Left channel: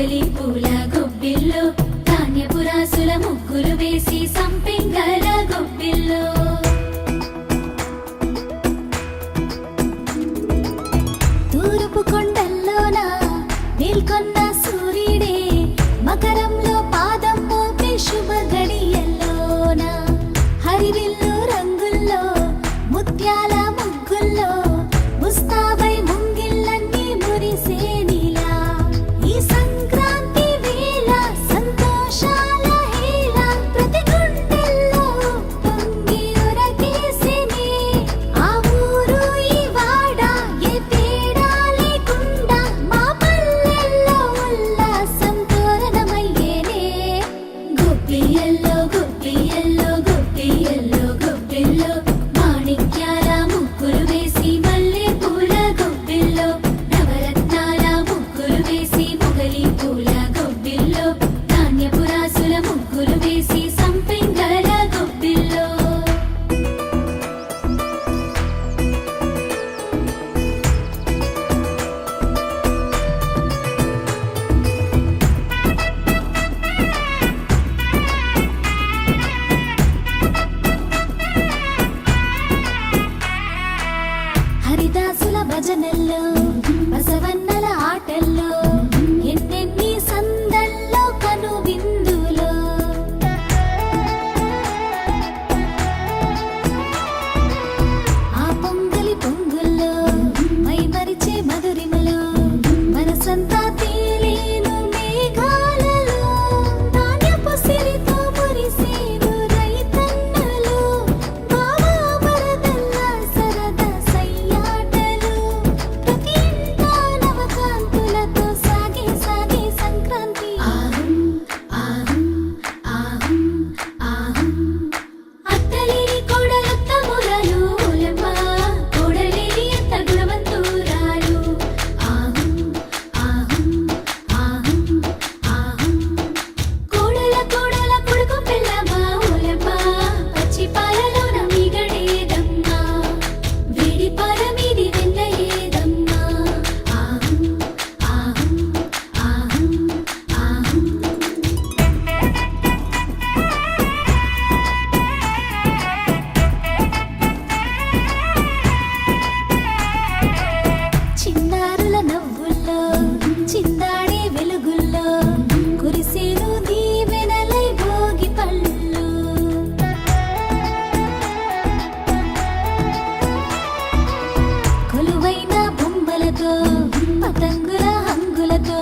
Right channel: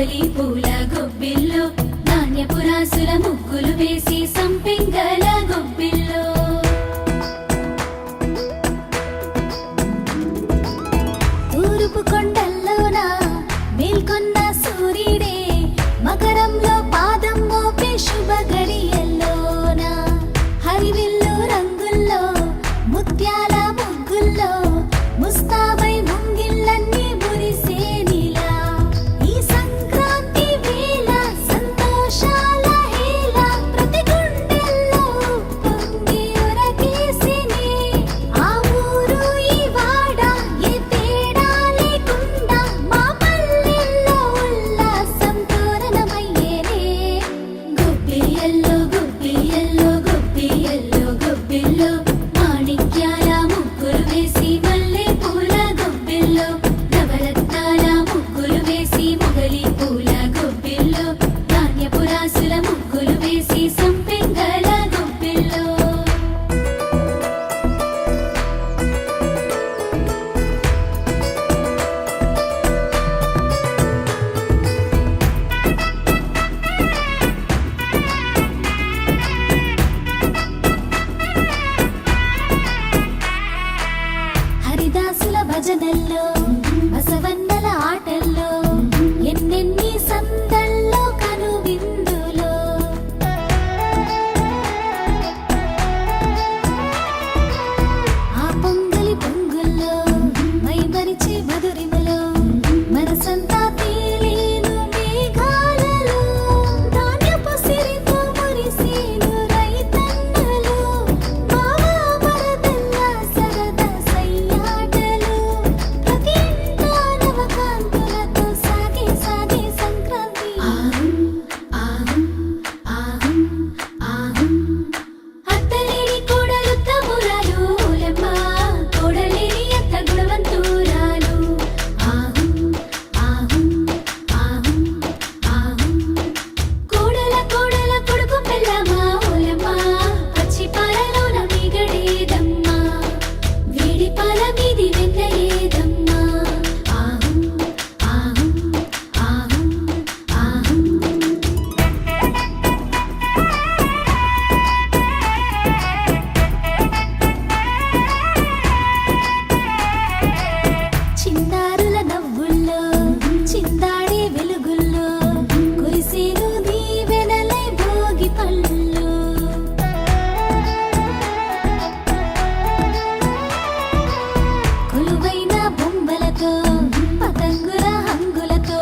మొగలి పూల గొబ్బిల్లో ధాన్యపు రాసుల ముగ్గులు వేసి సంపెంగల గొబ్బిల్లో తూర్పు కొండల్లోన మేల్కొన్న సూర్యుడే మకరంలో పాదం మోపే శుభ గడియల్లోన హరివిల్లు రంగుల్లో ముత్యాల ముగ్గుల్లో ముస్తాబై ముంగిళ్ళన్నీ మురిసేనిలా ఈ సంక్రాంతి వేళ సంతోషాల హేళ ప్రతి గుండెల్లో పొంగి ఉరకేసినే ఆ ఊరు ఈ వాడ ఏ తేడా లేకుండా మా పల్లెల్లో ఉల్లాసం తోరణమయ్యేనే గొబ్బియ్యల్లో గొబ్బియ్యల్లో గొబ్బియ్యల్లో గొబ్బిల్లో మాణిక్యాల ముగ్గులు వేసి మల్లె పూల గొబ్బిల్లో నవరత్నాల ముగ్గులు వేసి మొగలి పూల గొబ్బిల్లో ధాన్యపు రాసుల ముగ్గులు వేసి సంపెంగల గొబ్బిల్లో హరిదాసుల భజనల్లో బసవన్నల ఆటల్లో ఎన్నెన్ని సందల్లో కనువిందులో ఆ పొంగలి పొంగుల్లో మైమరిచే మధురిమలో మనసంతా తేలేను మేఘాలలో ధాన్యపు సిరితో మురిసేను రైతన్నలు బావా మరదల్లా సరదా సయ్యాటలు ప్రతి ఇంటా నవకాంతులతో సాగే సాగే సంక్రాంతి ఆహుం ఆహుం ఆహుం ఆహుం అత్తలేని కోడలుత్తమురాలు ఓలమ్మ కోడలేని అత్త గుణవంతురాలు ఆహుం ఆహుం ఆహుం ఆహుం కోడల కోడల కొడుకు పెళ్ళమ్మ ఓలమ్మ పచ్చి పాలలోన మిగడేదమ్మా వేడి పాల మీది వెన్నయేదమ్మా ఆహుం ఆహుం ఆహుం ఆహుం చిన్నారుల నవ్వుల్లో చిందాడే వెలుగుల్లో కురిసేను దీవెనలై భోగి పళ్ళు కొలువైన బొమ్మలతో పతంగుల హంగులతో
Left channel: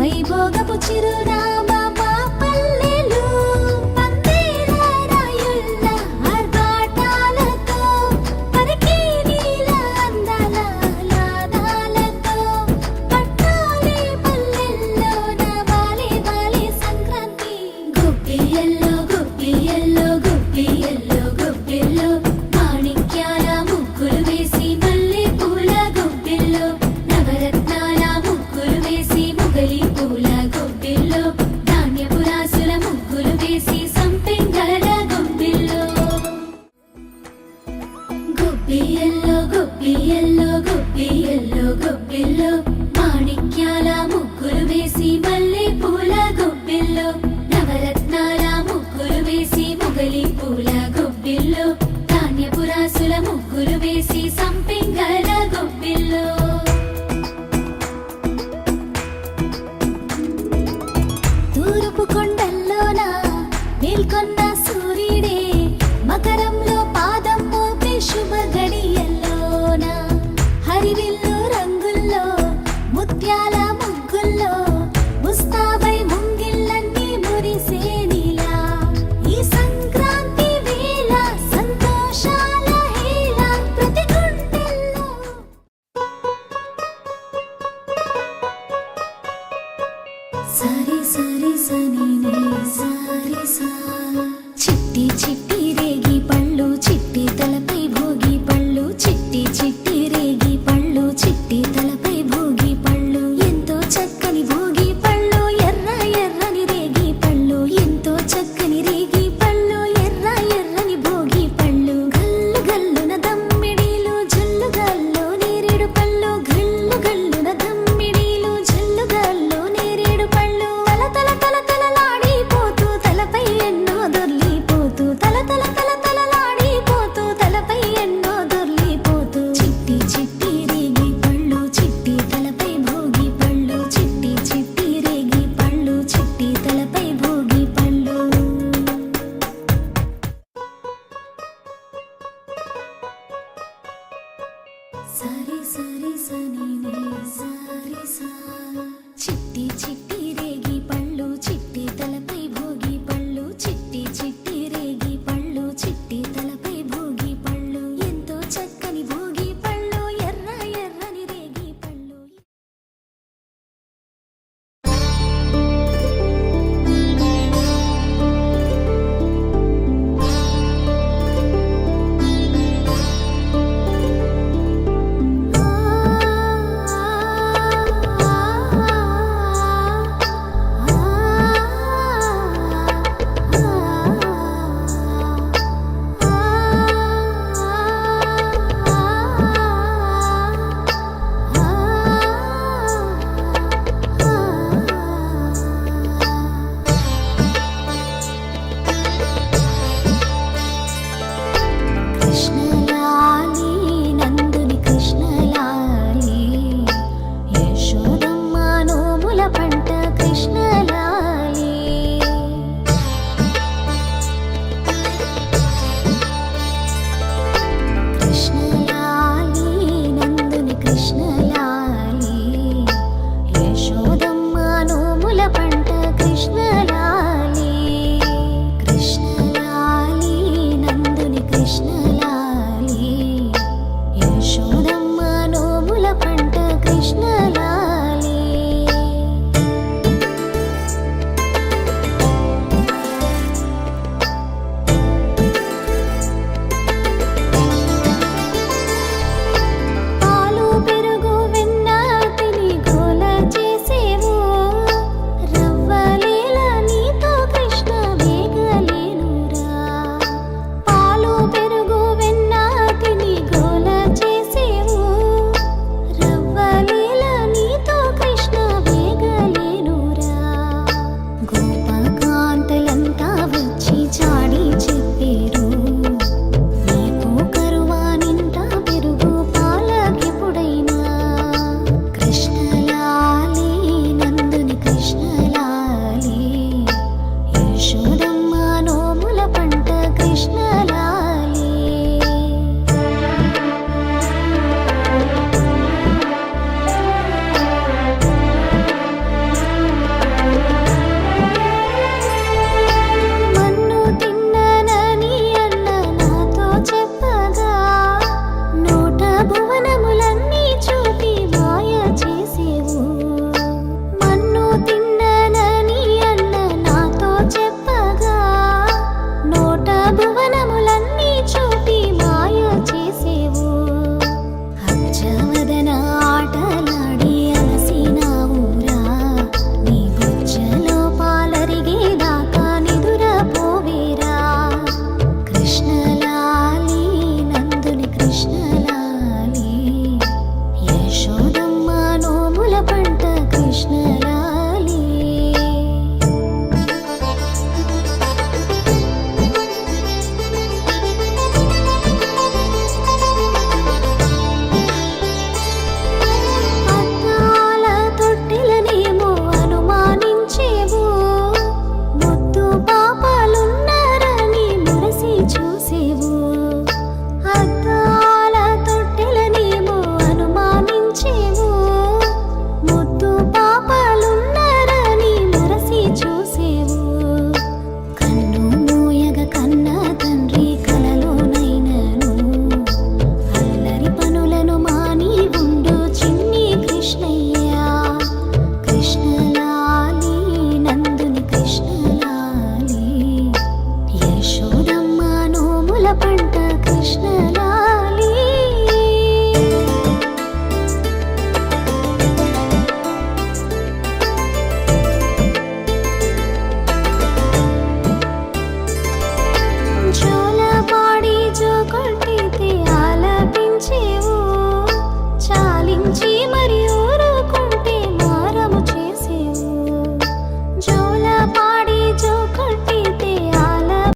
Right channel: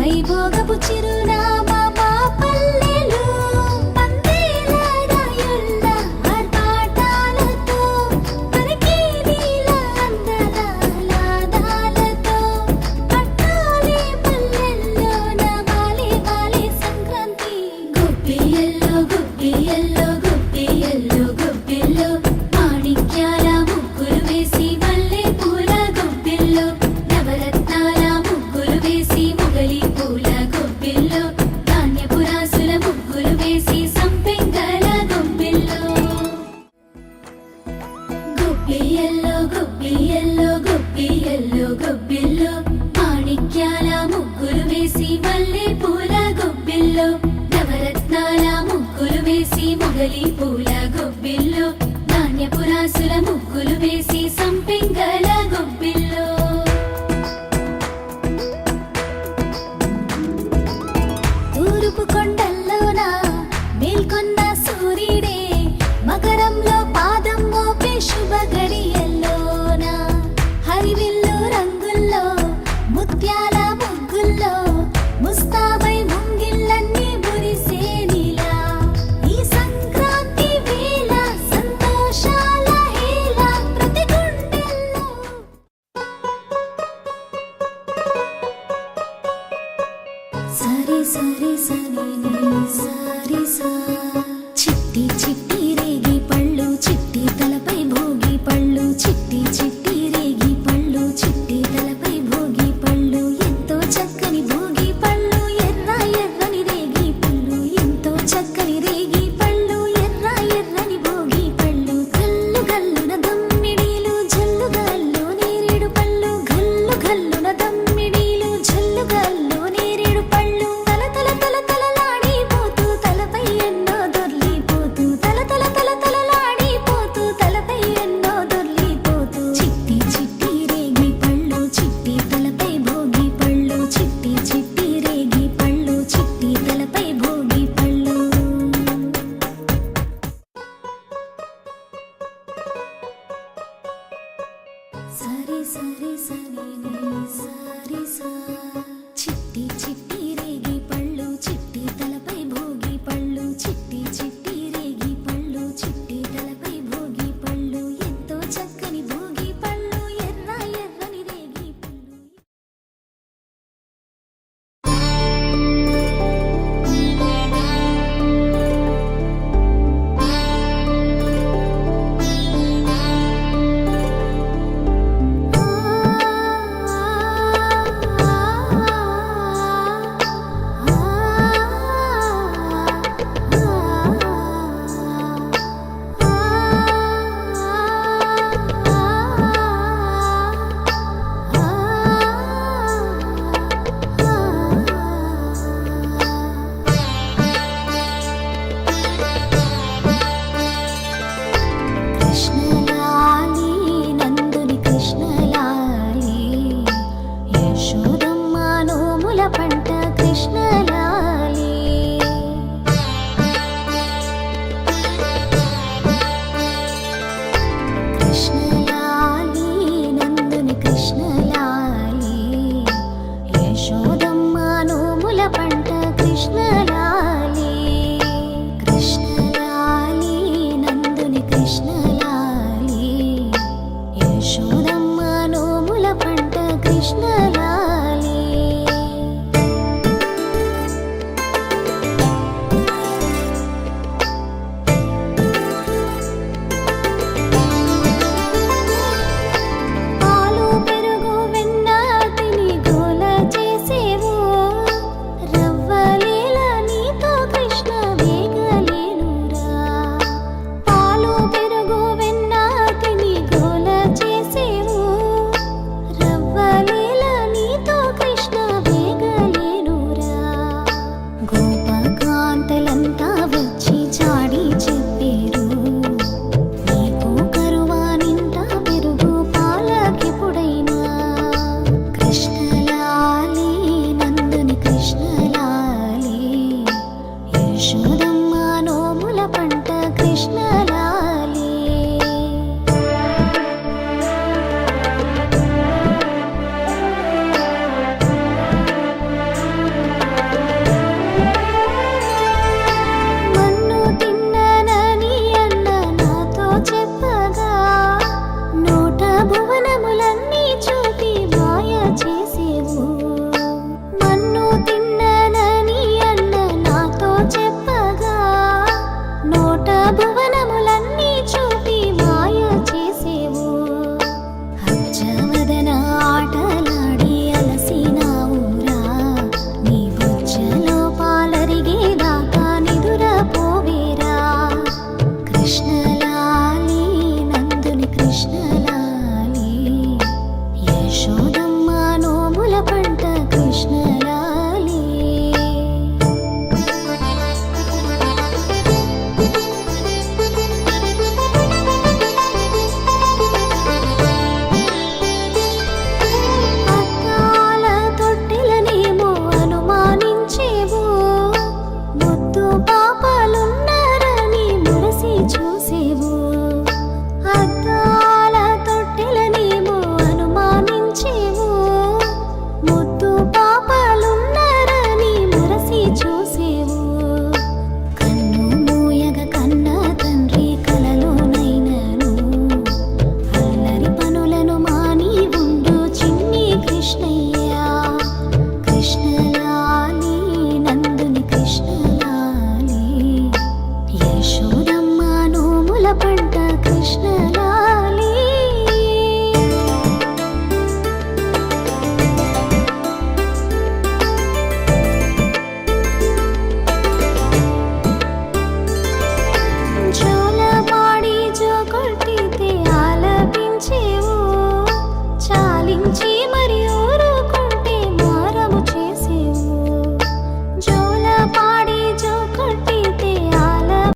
వైభోగపు చిరునామా మా పల్లెలు పందేల రాయుళ్ళ ఆర్భాటాలతో పలికే నీల అందాల ఆహ్లాదాలతో పట్టాలే పల్లెల్లోన వాలే వాలే సంక్రాంతి గొబ్బియ్యల్లో గొబ్బియ్యల్లో గొబ్బియ్యల్లో గొబ్బిల్లో మాణిక్యాల ముగ్గులు వేసి మల్లె పూల గొబ్బిల్లో నవరత్నాల ముగ్గులు వేసి మొగలి పూల గొబ్బిల్లో ధాన్యపు రాసుల ముగ్గులు వేసి సంపెంగల గొబ్బిల్లో గొబ్బియ్యల్లో గొబ్బియ్యల్లో గొబ్బియ్యల్లో గొబ్బిల్లో మాణిక్యాల ముగ్గులు వేసి మల్లె పూల గొబ్బిల్లో నవరత్నాల ముగ్గులు వేసి మొగలి పూల గొబ్బిల్లో ధాన్యపు రాసుల ముగ్గులు వేసి సంపెంగల గొబ్బిల్లో తూర్పు కొండల్లోన మేల్కొన్న సూర్యుడే మకరంలో పాదం మోపే శుభ గడియల్లోన హరివిల్లు రంగుల్లో ముత్యాల ముగ్గుల్లో ముస్తాబై ముంగిళ్ళన్నీ మురిసేనిలా ఈ సంక్రాంతి వేళ సంతోషాల హేళ ప్రతి గుండెల్లో సరి సరి సని ని సరి సా చిట్టి చిట్టి రేగి పళ్ళు చిట్టి తలపై భోగి పళ్ళు చిట్టి చిట్టి రేగి పళ్ళు చిట్టి తలపై భోగి పళ్ళు ఎంతో చక్కని భోగి పళ్ళు ఎర్ర ఎర్రని రేగి పళ్ళు. కృష్ణలాలి నందుని కృష్ణలాలి యశోదమ్మ నోముల పంట కృష్ణలాలి కృష్ణలాలి నందుని కృష్ణలాలి యశోదమ్మ నోముల పంట కృష్ణలాలి కృష్ణలాలి నందుని కృష్ణలాలి యశోదమ్మ నోముల పంట కృష్ణ